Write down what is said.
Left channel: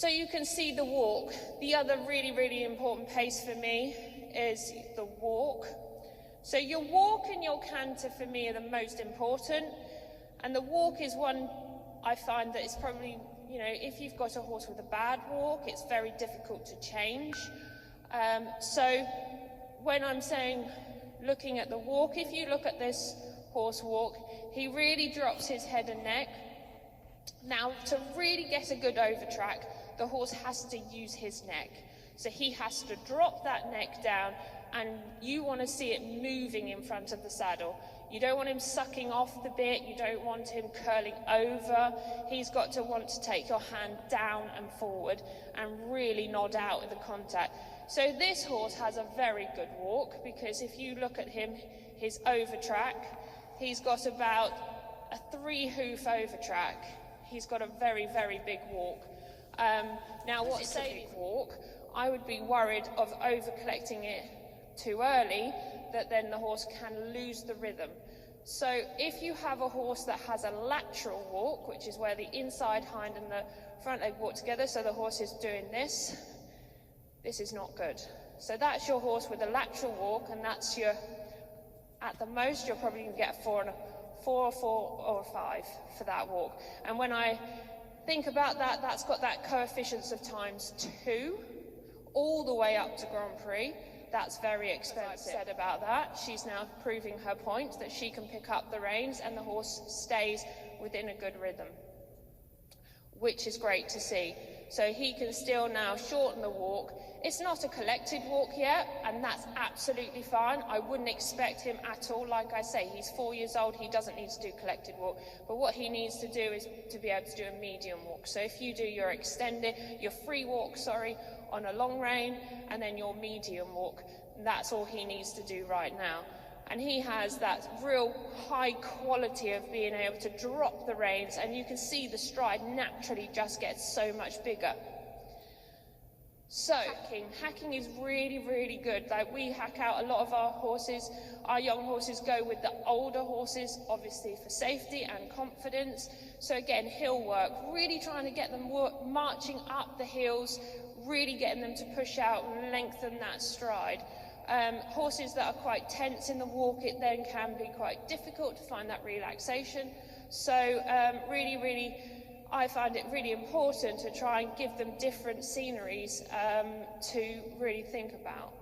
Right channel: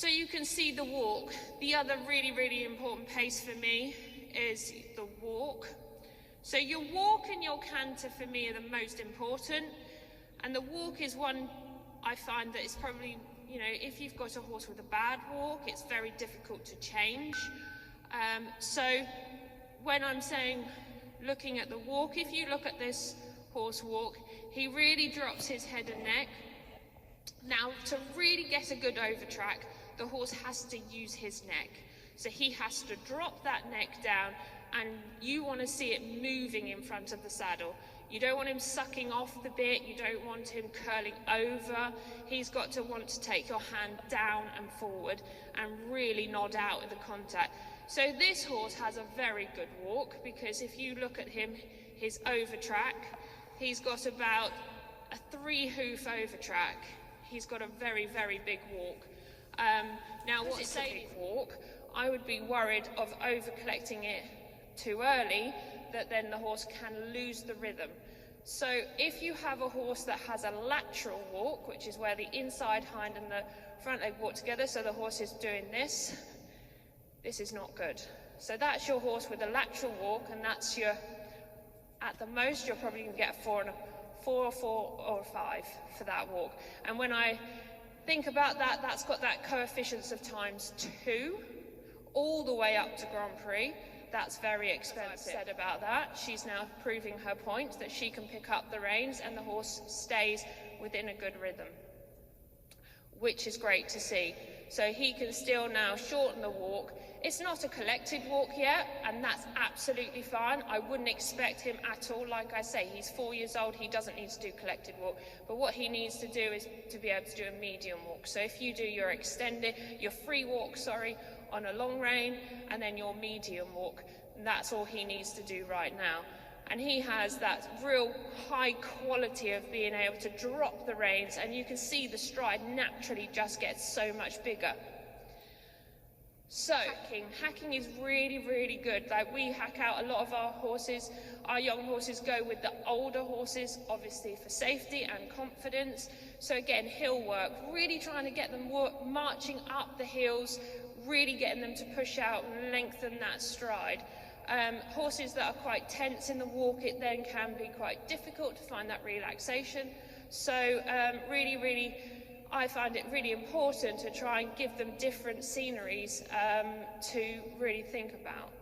So you can see the walk. The other really, really important pace for me is the walk. So your walk and your canter for me are the most important. And the walk is one I find that it's probably, you know, if you've got a horse with a bad walk, it's very difficult to change. So when I'm saying looking at the walk, if you look at this horse walk, he really drops his head and neck. Now, to really get a good overtrack, the horse has to use his neck. So he has to drop that neck down, and you want to see it moving in front of the saddle. You don't want him sucking off the bit, you don't want him curling over. He's got to want to take your hand down and forward and really nod out at the contact. So this horse has a very good walk, because if you look at him, his overtrack, he's got about a 3-hoof overtrack. He's got a very, very big walk. Now, what's a big walk? I would be worried of over-collecting it too early, that then the horse can lose the rhythm. So if you have a horse that has a lateral walk, which is where the inside hind and the front leg walk together, so the horse is doing this is not good. So that's your horse with a lateral walk, and that's your, at the most, you're probably going to get a 4 or 5 for that walk. And when I think about that, that's got that coefficient of ×2 all the way up to Grand Prix. That's very expensive. Said about that, she's now proving her point that she can pick up the reins and the horse stays within a good rhythm, which is great to see. So he can still now shorten the walk. It's not a collected walk yet, and that's absolutely fine. I wouldn't expect him at all. Like I say, he's 4 years old, he doesn't need to do collected walk. But what he needs to do is to be able to do a medium walk. So if you do your free walk, on a long rein, and then your medium walk, that's all he needs to do right now. And he has that real high quality of being able to drop the reins, and you can see the stride naturally just gets so much bigger. So, hacking is really, really good. Like, we hack out a lot of our horses. Our young horses go with the older horses, obviously for safety and confidence. So again, hill work, really trying to get them marching up the hills, really getting them to push out and lengthen that stride. Horses that are quite tense in the walk, it then can be quite difficult to find that relaxation. So really, I find it really important to try and give them different sceneries to really think about.